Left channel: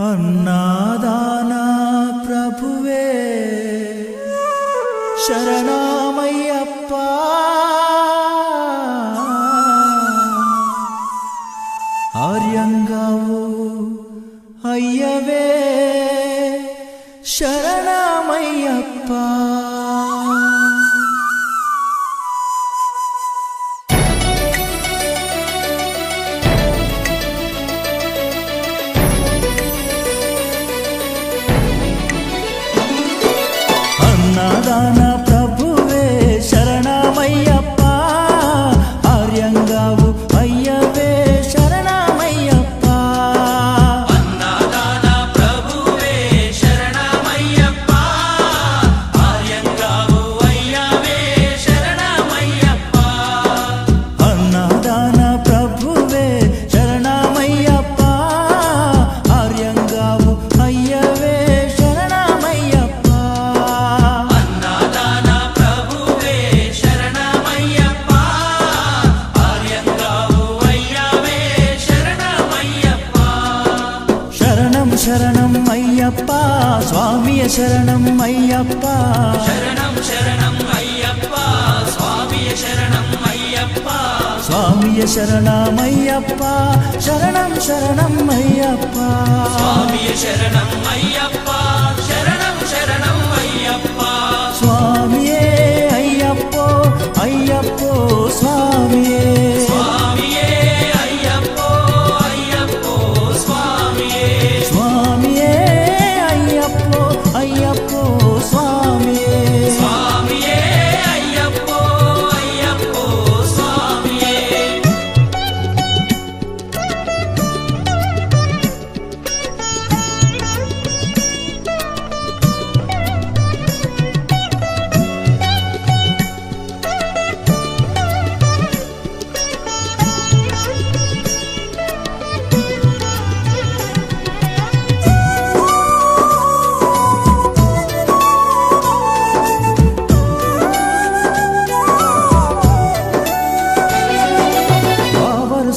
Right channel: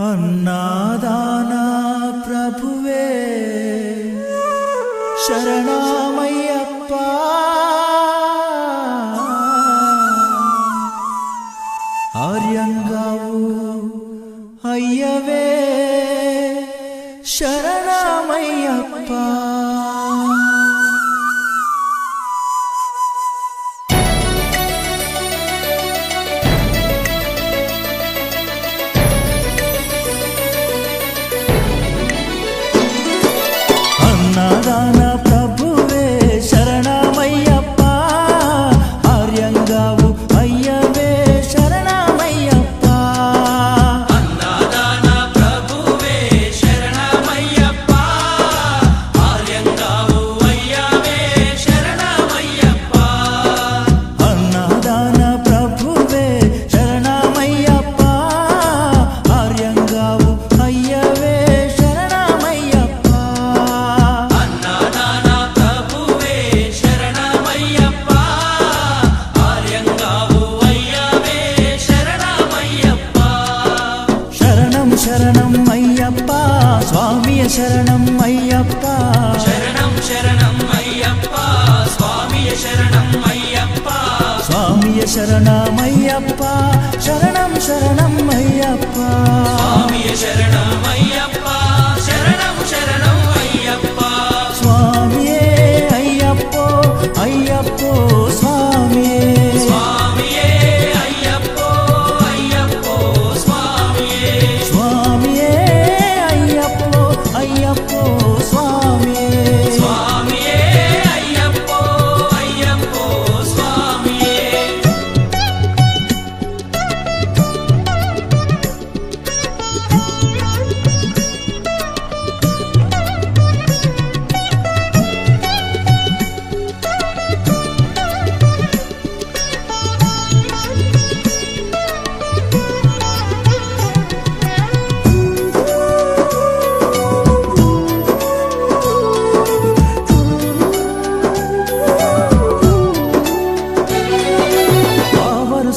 అన్నాదానా ప్రభువే శరణమయ్యప్ప ఆర్యంగావు అయ్యవే శరణమయ్యప్ప అన్నదాన ప్రభువే శరణమయ్యప్ప ఆర్యంగావు అయ్యవే శరణమయ్యప్ప అన్నదాన ప్రభువే శరణమయ్యప్ప ఆర్యంగావు అయ్యవే శరణమయ్యప్ప అన్నదాన ప్రభువే శరణమయ్యప్ప ఆర్యంగావు అయ్యవే శరణం అయ్యప్ప స్వామియ శరణం అయ్యప్ప శరణం శరణం అయ్యప్ప స్వామియ శరణం అయ్యప్ప స్వామియ శరణమయ్యప్ప శరణం శరణం అయ్యప్ప స్వామియ శరణం అయ్యప్ప శరణం శరణం అయ్యప్ప స్వామియే అయ్యప్పో అయ్యప్పో స్వామియే అయ్యప్పో స్వామియే స్వామియే అయ్యప్పో అయ్యప్పో స్వామియే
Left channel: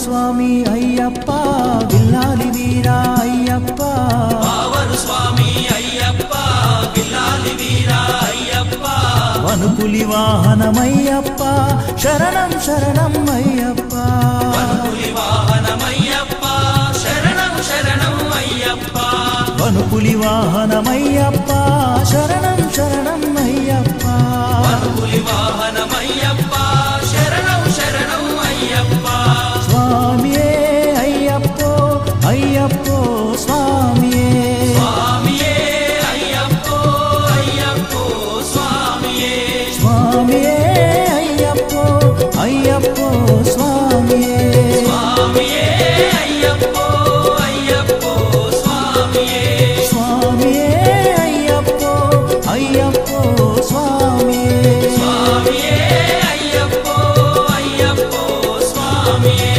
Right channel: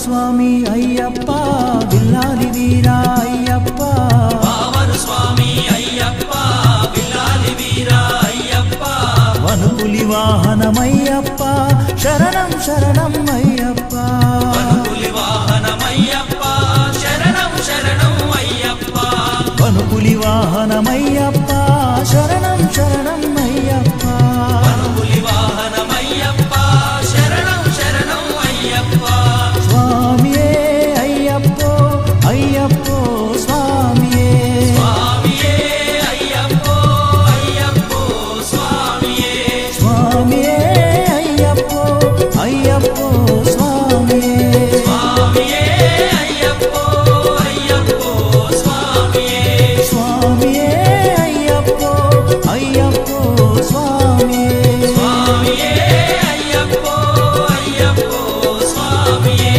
స్వామి అయ్యప్ప విల్లాలి వీరా అయ్యప్ప పావన స్వామి అయ్యప్ప విల్లాలి వీరా అయ్యప్ప వనుపులి వాహనమయ్యప్ప శరణం శరణం అయ్యప్ప వనుపులి వాహనమయ్యప్ప శరణం శరణం అయ్యప్ప వనుపులి వాహనమయ్యప్ప శరణం శరణం అయ్యప్ప వనుపులి వాహనమయ్యప్ప శరణం శరణం అయ్యప్ప స్వామియే అయ్యప్పో అయ్యప్పో స్వామియే స్వామియే అయ్యప్పో అయ్యప్పో స్వామియే స్వామియే అయ్యప్పో అయ్యప్పో స్వామియే స్వామియే అయ్యప్పో అయ్యప్పో స్వామియే స్వామియే అయ్యప్పో అయ్యప్పో స్వామియే స్వామియే అయ్యప్పో అయ్యప్పో స్వామియే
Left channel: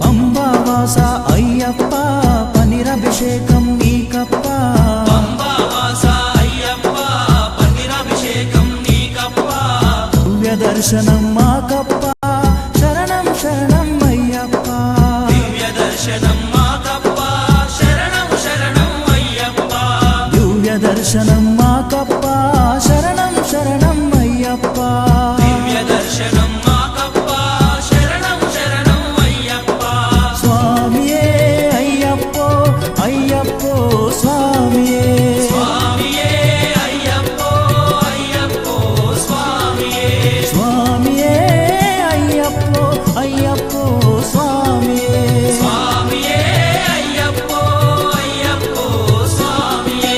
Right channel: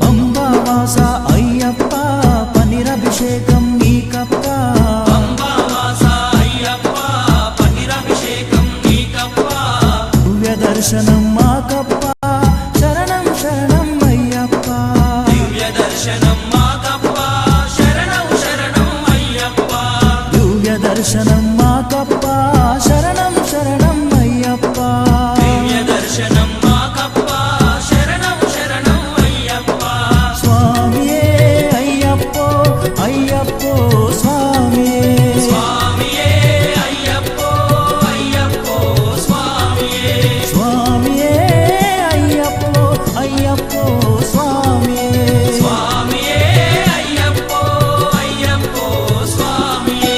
పంబావాస అయ్యప్ప పనిరభిషేకం నీకప్ప పంబావాస అయ్యప్ప పన్నీరాభిషేకం నీకప్ప దివ్య దర్శనం మాకప్ప శరణం శరణం అయ్యప్ప దివ్య దర్శనం మాకప్ప శరణం శరణం అయ్యప్ప దివ్య దర్శనం మాకప్ప శరణం శరణం అయ్యప్ప దివ్య దర్శనం మాకప్ప శరణం శరణం అయ్యప్ప స్వామియే అయ్యప్పో అయ్యప్పో స్వామియే స్వామియే అయ్యప్పో అయ్యప్పో స్వామియే స్వామియే అయ్యప్పో అయ్యప్పో స్వామియే స్వామియే అయ్యప్పో అయ్యప్పో స్వామియే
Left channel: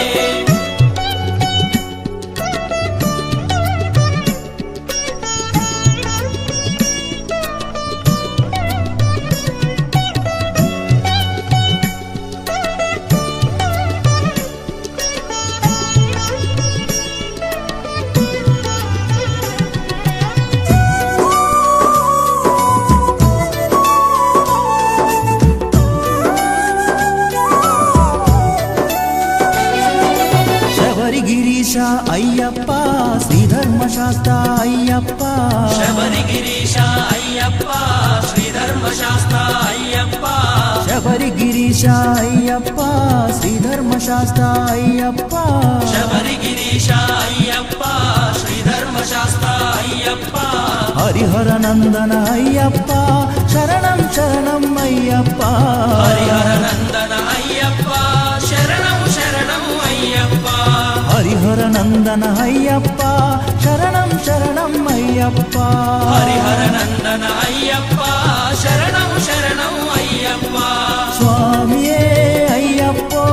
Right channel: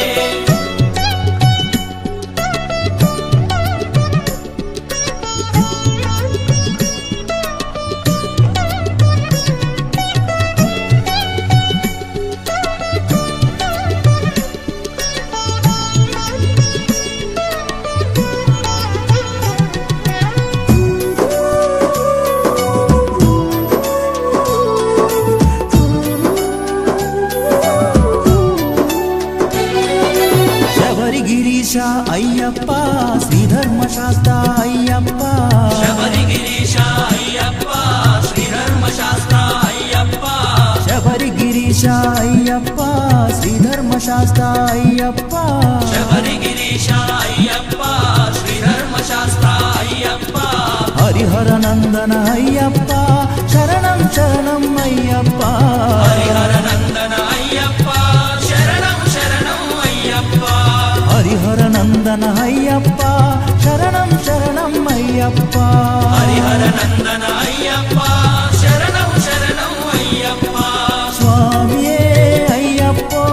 శబరిగిరీశ అయ్యప్ప శ్రీధర్మశాస్త్ర అయ్యప్ప శబరిగిరీశ అయ్యప్ప శ్రీధర్మశాస్త్ర అయ్యప్ప శబరిగిరీశ అయ్యప్ప శ్రీధర్మశాస్త్ర అయ్యప్ప శబరిగిరీశ అయ్యప్ప శ్రీధర్మశాస్త్ర అయ్యప్ప హరిహర నందన అయ్యప్ప శరణం శరణం అయ్యప్ప హరిహరనందన అయ్యప్ప శరణం శరణం అయ్యప్ప హరిహర నందన అయ్యప్ప శరణం శరణం అయ్యప్ప హరిహరనందన అయ్యప్ప శరణం శరణం అయ్యప్ప స్వామియే అయ్యప్పో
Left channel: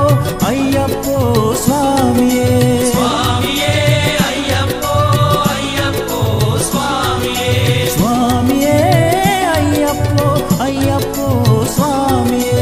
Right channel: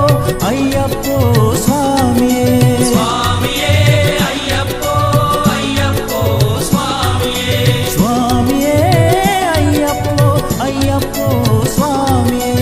అయ్యప్పో స్వామియే స్వామియే అయ్యప్పో అయ్యప్పో స్వామియే స్వామియే అయ్యప్పో అయ్యప్పో స్వామియే